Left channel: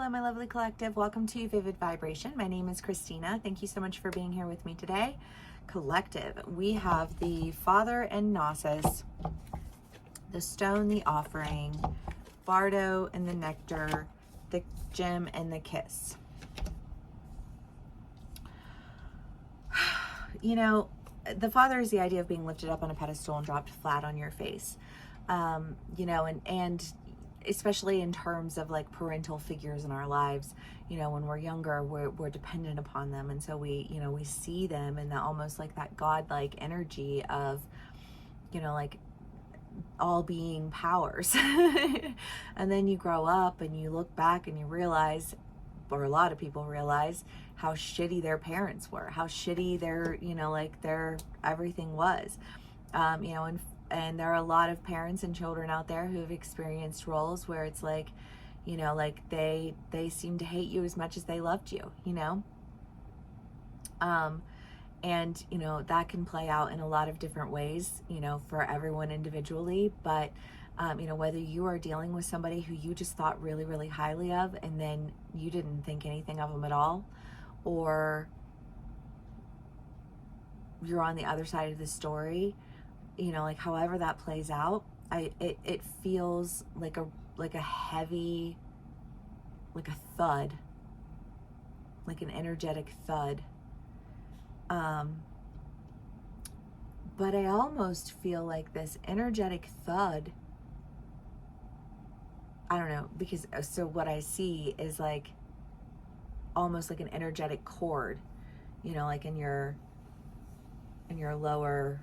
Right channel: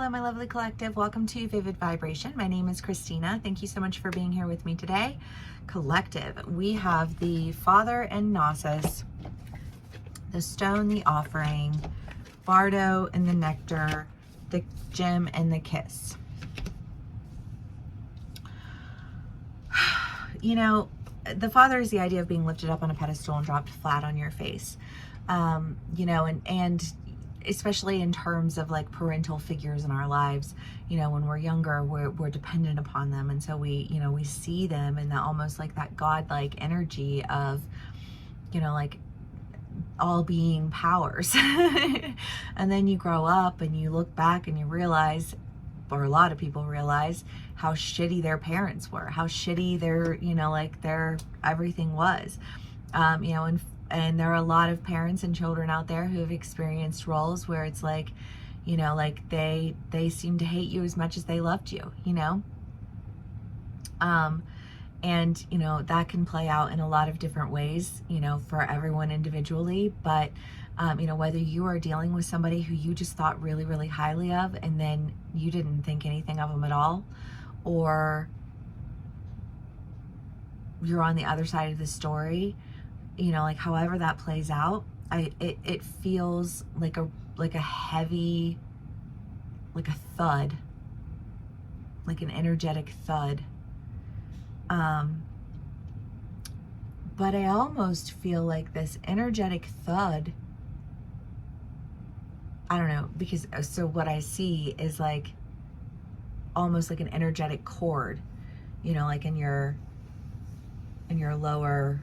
Hello, my lovely collective. Welcome to Vivid Vibration. My name is Christina. Thank you so much for being here with me today. Collective, we have the Father and Gnosis, the Stone, the Offering, Bardo and the Nectar, the Gem and the Kiss. You know, the Father is the idea of being lifted up on a pedestal and dropped flat on your face. You know, and especially in terms of like parental figures in our lives, you know, when we're younger, we're dependent upon them. And so we, you know, we see them in that almost like that godlike energy of, you know, like all being powers. And then you grow up and you look back and you realize, or a lot of people realize, how shitty their parents were, how shitty their, you know, like their everything was. You know, and there are a lot of parents and children out there who have experienced roles where it's like, you know, like they seem to hate you as much as they loved you, you know? And, you know, that can play out in a lot of different ways, you know, for everyone individually. But, you know, whether you are dealing with somebody who you just thought really, really highly of, and then you didn't think anything of them at all, or you're on the other side of the story, you know, like however that plays out, it feels like a heavy, like a thud, like an energetic thud. But I almost feel like this energetic thud, I don't know, because so what I see is like almost like an energetic cord, you know, like in your lower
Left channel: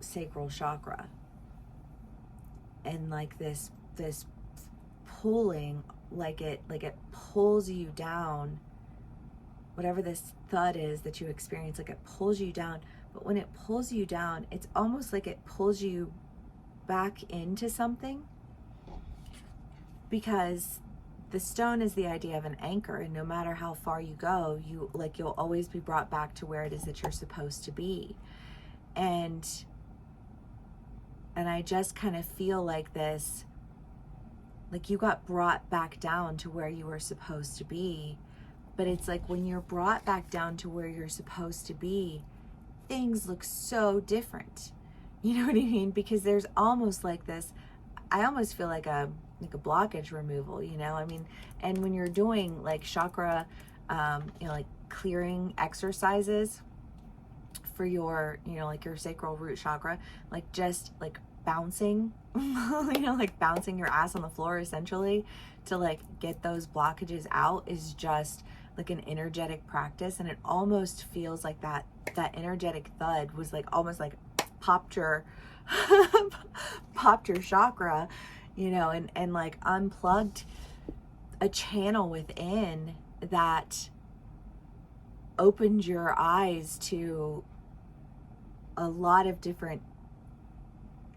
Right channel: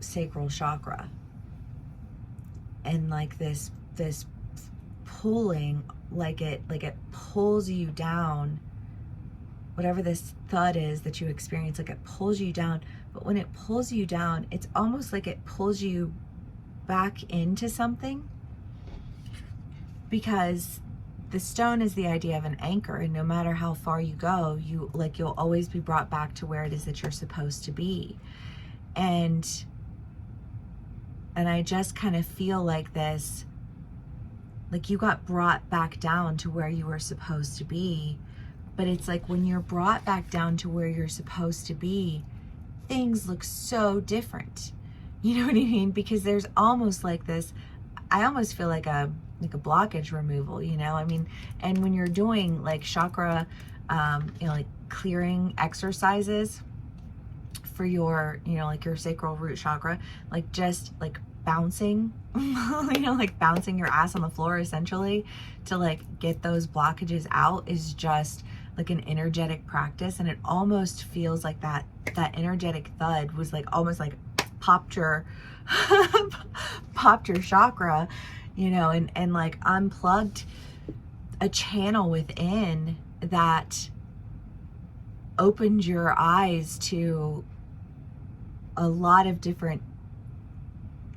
sacral chakra, and like this pulling, like it pulls you down. Whatever this thud is that you experience, like it pulls you down. But when it pulls you down, it's almost like it pulls you back into something, because the stone is the idea of an anchor, and no matter how far you go, you'll always be brought back to where it is that you're supposed to be. And I just kind of feel like this, like you got brought back down to where you were supposed to be. But it's like when you're brought back down to where you're supposed to be, things look so different. You know what I mean? Because there's almost like this, I almost feel like a blockage removal, you know? I mean, and when you're doing like chakra, you know, like clearing exercises for your, you know, like your sacral root chakra, like just like bouncing, you know, like bouncing your ass on the floor essentially to like get those blockages out is just like an energetic practice. And it almost feels like that energetic thud was like almost like popped your chakra, you know, and like unplugged a channel within that opened your eyes to a lot of different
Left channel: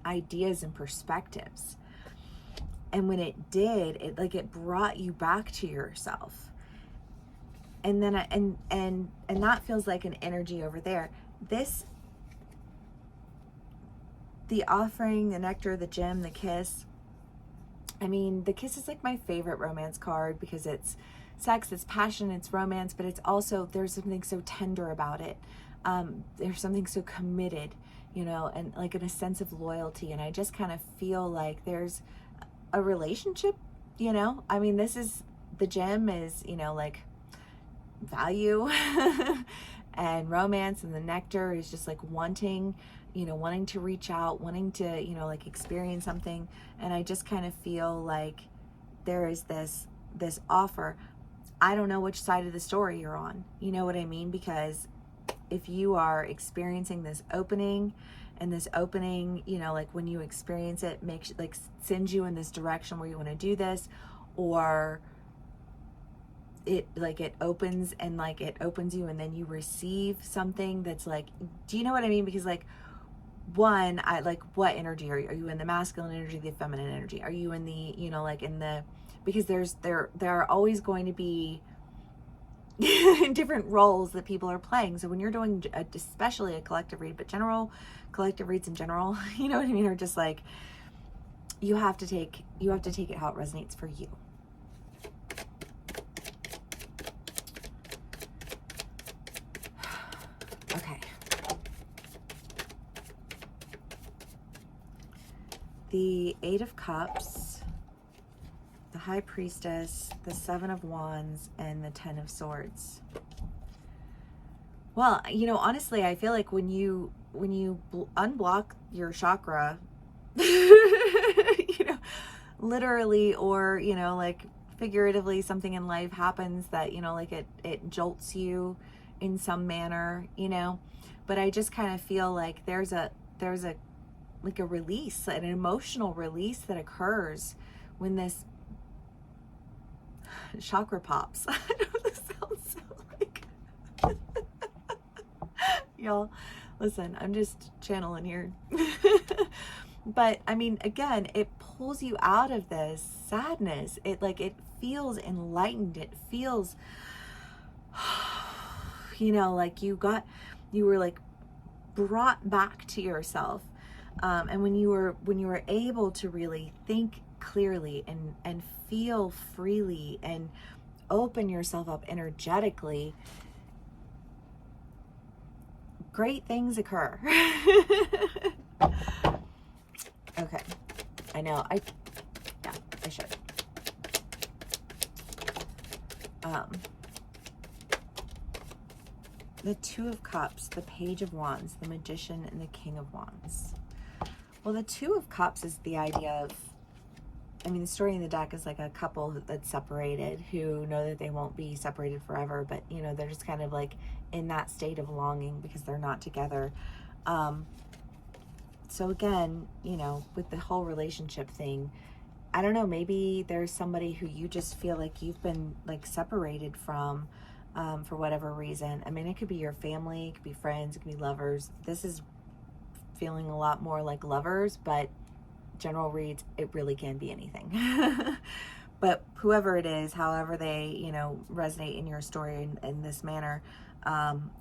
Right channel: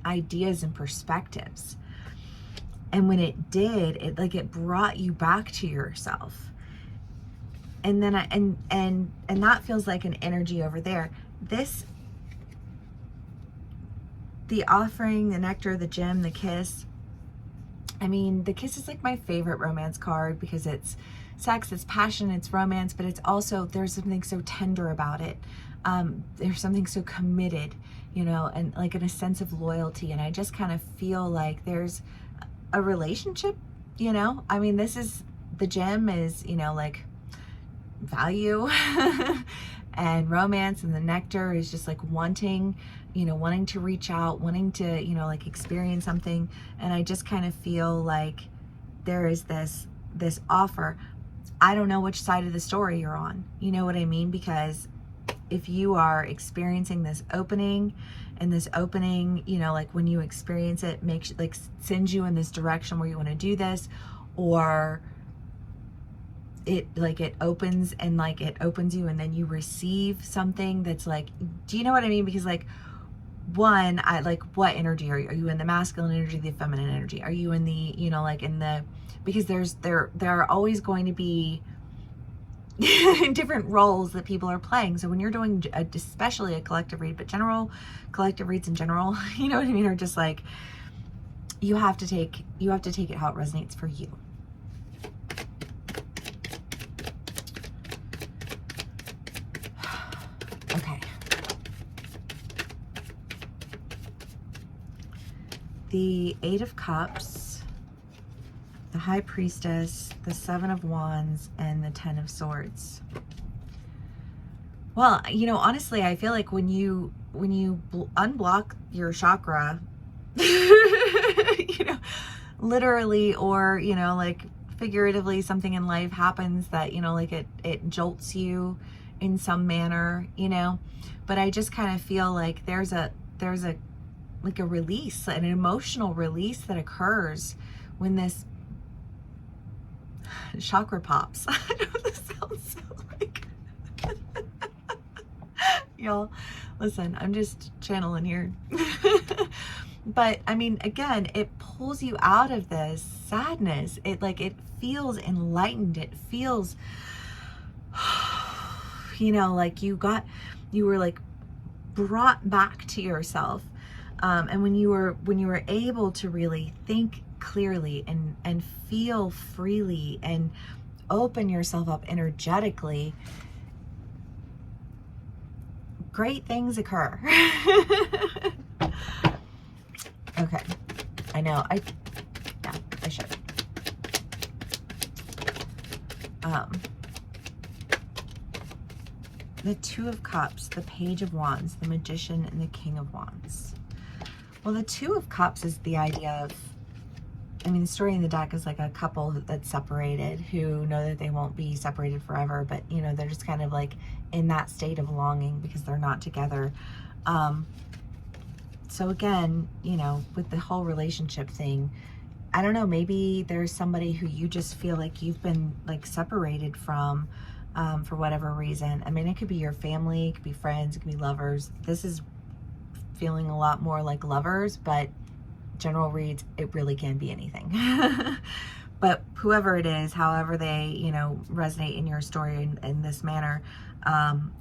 ideas and perspectives. And when it did, it brought you back to yourself. And then and that feels like an energy over there. The offering, the nectar, the gem, the kiss. I mean, the kiss is like my favorite romance card because it's sex, it's passion, it's romance, but it's also, there's something so tender about it. There's something so committed, you know, and like in a sense of loyalty. And I just kind of feel like there's a relationship, you know. I mean, the gem is, you know, like value and romance, and the nectar is just like wanting, you know, wanting to reach out, wanting to, you know, like experience something. And I just kind of feel like there is this offer. I don't know which side of the story you're on, you know what I mean? Because if you are experiencing this opening, and this opening, you know, like when you experience it, makes like sends you in this direction where you want to do this, or it opens and like it opens you, and then you receive something that's like, do you know what I mean? Because like, one, I like, what energy are you? Are you in the masculine energy, the feminine energy? Are you in the, you know, like in the, because there are always going to be different roles that people are playing. So when you're doing especially a collective read, but collective reads in general, you know what I mean, are just like you have to take it how it resonates for you. Okay. The Eight of Cups, the High Priestess, the Seven of Wands, and the Ten of Swords. Well, you know, honestly, I feel like when you unblock your chakra, you know, literally, or, you know, like figuratively, something in life happens that, you know, like it jolts you in some manner, you know, but I just kind of feel like there's a like a release, an emotional release that occurs when this chakra pops. I know this sounds so like y'all, listen, I'm just channeling here. But I mean, again, it pulls you out of this sadness. It feels enlightened. It feels, you know, like you were like brought back to yourself. And when you were able to really think clearly and feel freely and open yourself up energetically, great things occur. Okay, I know, I should. The Two of Cups, the Page of Wands, the Magician, and the King of Wands. Well, the Two of Cups is the idea of, I mean, the story in the deck is like a couple that's separated who know that they won't be separated forever, but, you know, they're just kind of like in that state of longing because they're not together. So again, you know, with the whole relationship thing, I don't know, maybe there's somebody who you just feel like you've been like separated from for whatever reason. I mean, it could be your family, it could be friends, it could be lovers. This is feeling a lot more like lovers, but general reads, it really can be anything. But whoever it is, however they, you know, resonate in your story in this manner,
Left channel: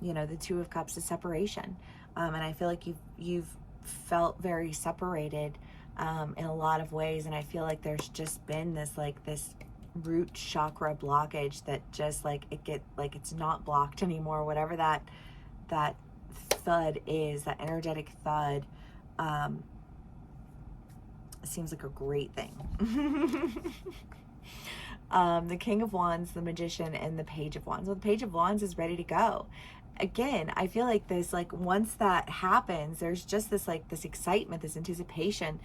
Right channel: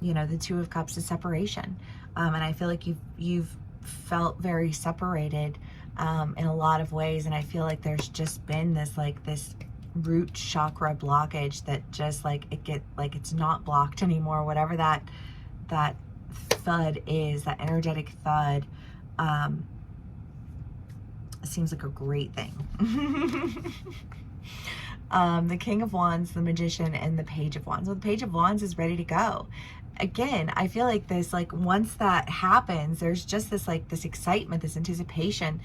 you know, the Two of Cups is separation. And I feel like you've felt very separated in a lot of ways, and I feel like there's just been this root chakra blockage that just like it's not blocked anymore, whatever that thud is, that energetic thud. Seems like a great thing. The King of Wands, the Magician, and the Page of Wands. Well, the Page of Wands is ready to go. Again, I feel like this, like once that happens, there's just this like this excitement, this anticipation,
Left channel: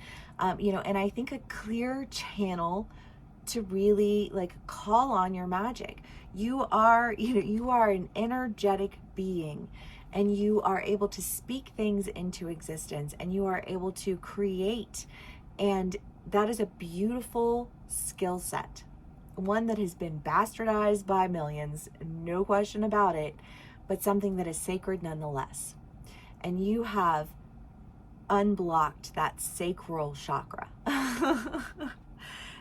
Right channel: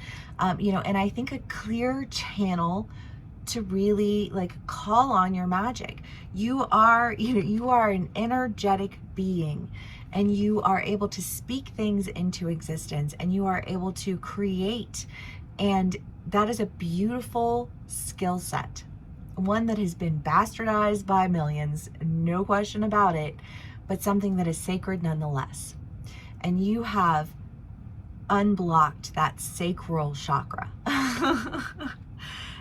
you know, and I think a clear channel to really like call on your magic. You are, you know, you are an energetic being, and you are able to speak things into existence, and you are able to create, and that is a beautiful skill set, one that has been bastardized by millions, no question about it, but something that is sacred nonetheless. And you have unblocked that sacral chakra.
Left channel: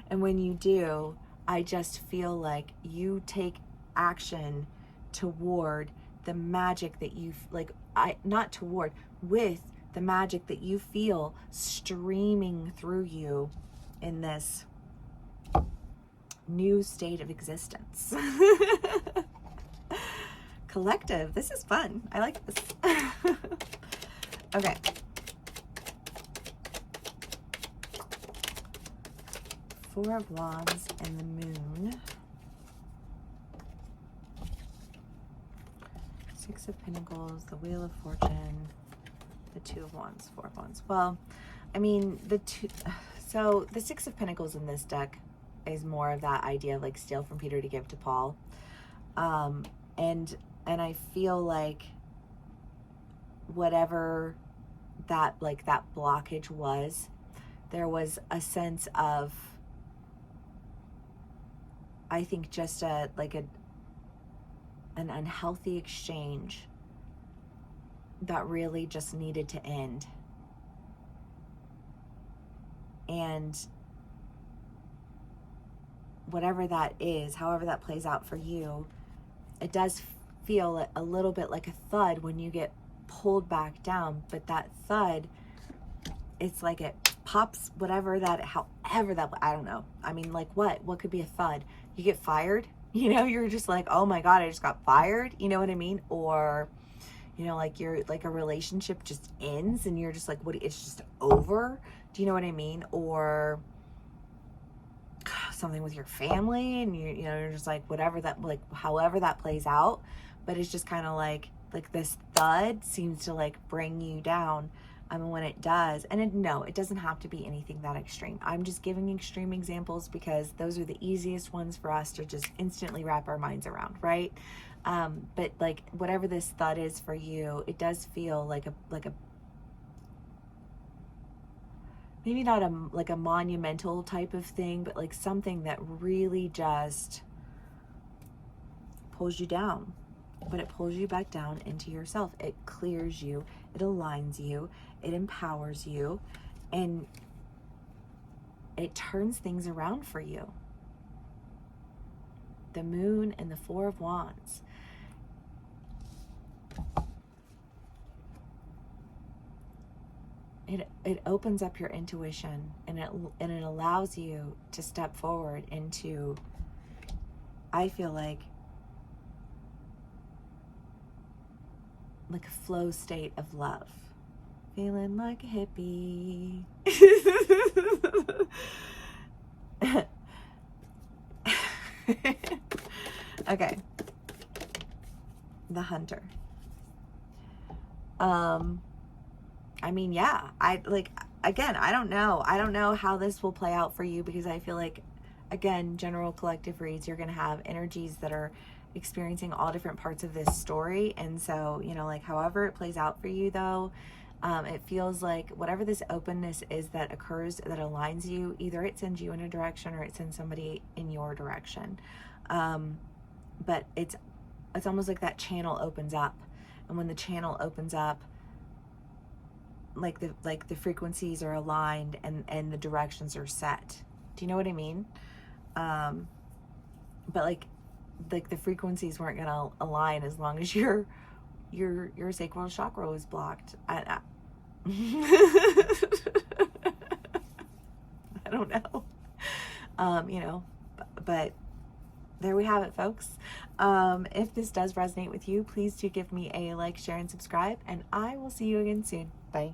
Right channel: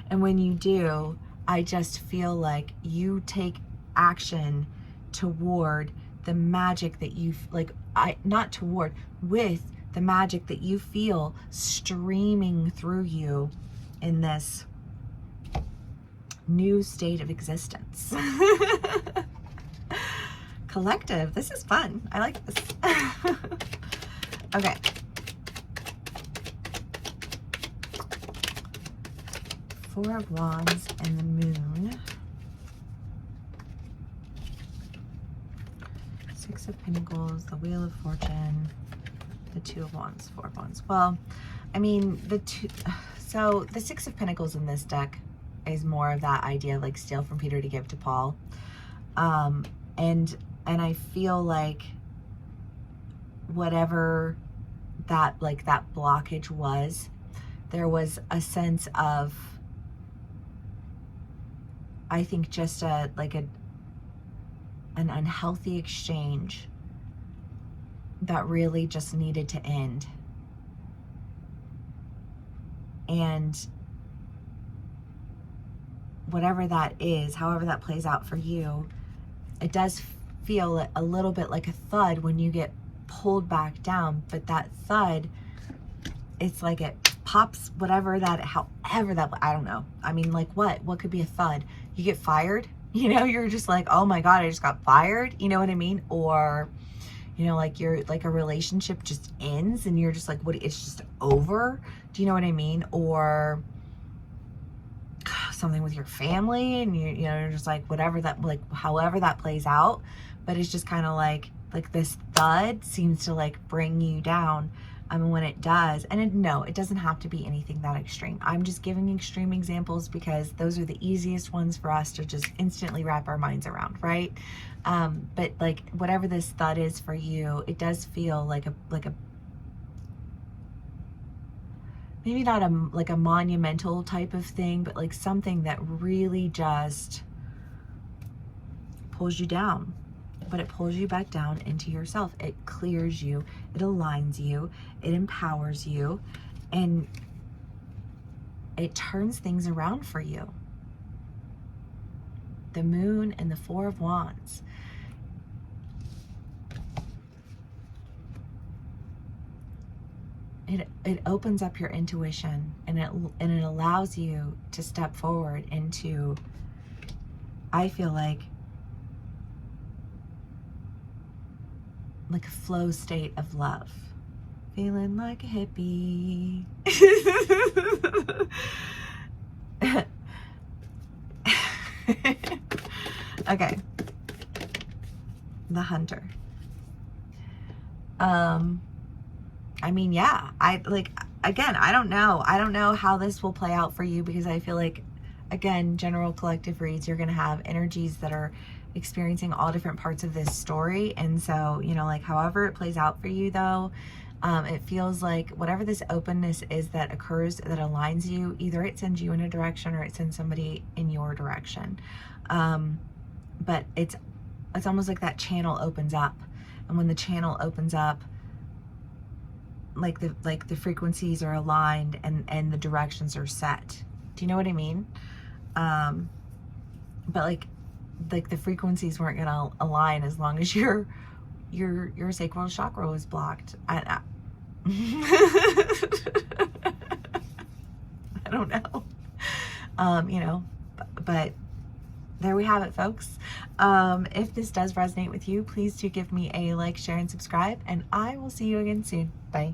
And when you do, I just feel like you take action toward the magic that you, like, with the magic that you feel streaming through you in this new state of existence. Collective, this is fun. I like this. Okay. Four of Wands and the Moon. Six of Pentacles, the Wheel of Fortune, the Two of Wands, Four of Wands. Well, I mean, so the Six of Pentacles in this deck is more of that idea of like steal from Peter to give to Paul. And I feel like whatever that blockage was, there was a sense of, I think, just an unhealthy exchange that really just needed to end. And whatever that is, however that plays out for you, it does feel a little bit like a thud when you get pulled back down, but that thud, it's like it pops, whatever that, however that, I don't know. I mean, like what could be a thud? You get fired, you know, you're just like, oh my God, I just got fired. You know what I mean? Or, you know, like you're like a relationship just ends and you're just like, what, it's just over. Do you know what I mean? Or something with your family and you know, you're just like, whatever that, like, however that plays out, but it's just kind of like this thud seems to like bring you down. When it does, and no, it doesn't have to be anything that extreme. I'm just giving extreme examples because those are the easiest ones for us to just instantly wrap our minds around, right? But like whatever this thud is for you, it does feel like a maybe not like a monumental type of thing, but like something that really just pulls you down. But it pulls you back down into yourself. It clears you, it aligns you, it empowers you, and it turns things around for you. The Moon and the Four of Wands. It opens up your intuition, and it allows you to step forward into, I feel like a flow state of love. Feeling like a hippie. Okay. The Hunter. I mean, yeah, again, I don't know how this will play out for you, because I feel like, again, general collective reads, you're going to have energies that are experiencing all different parts of this story. And so, you know, like however it plays out for you though, it feels like whatever this openness is that occurs that aligns you, either it sends you in a direction or it sends somebody in your direction. But it's almost like that channel opens up, and when the channel opens up, like the frequencies are aligned and the directions are set. Do you know what I mean? But like the frequencies weren't gonna align as long as your sacral chakra was blocked. I don't know. You know, but there we have it, folks. If this does resonate with you, please do give me a like, share, and subscribe, and I will see you again soon. Bye.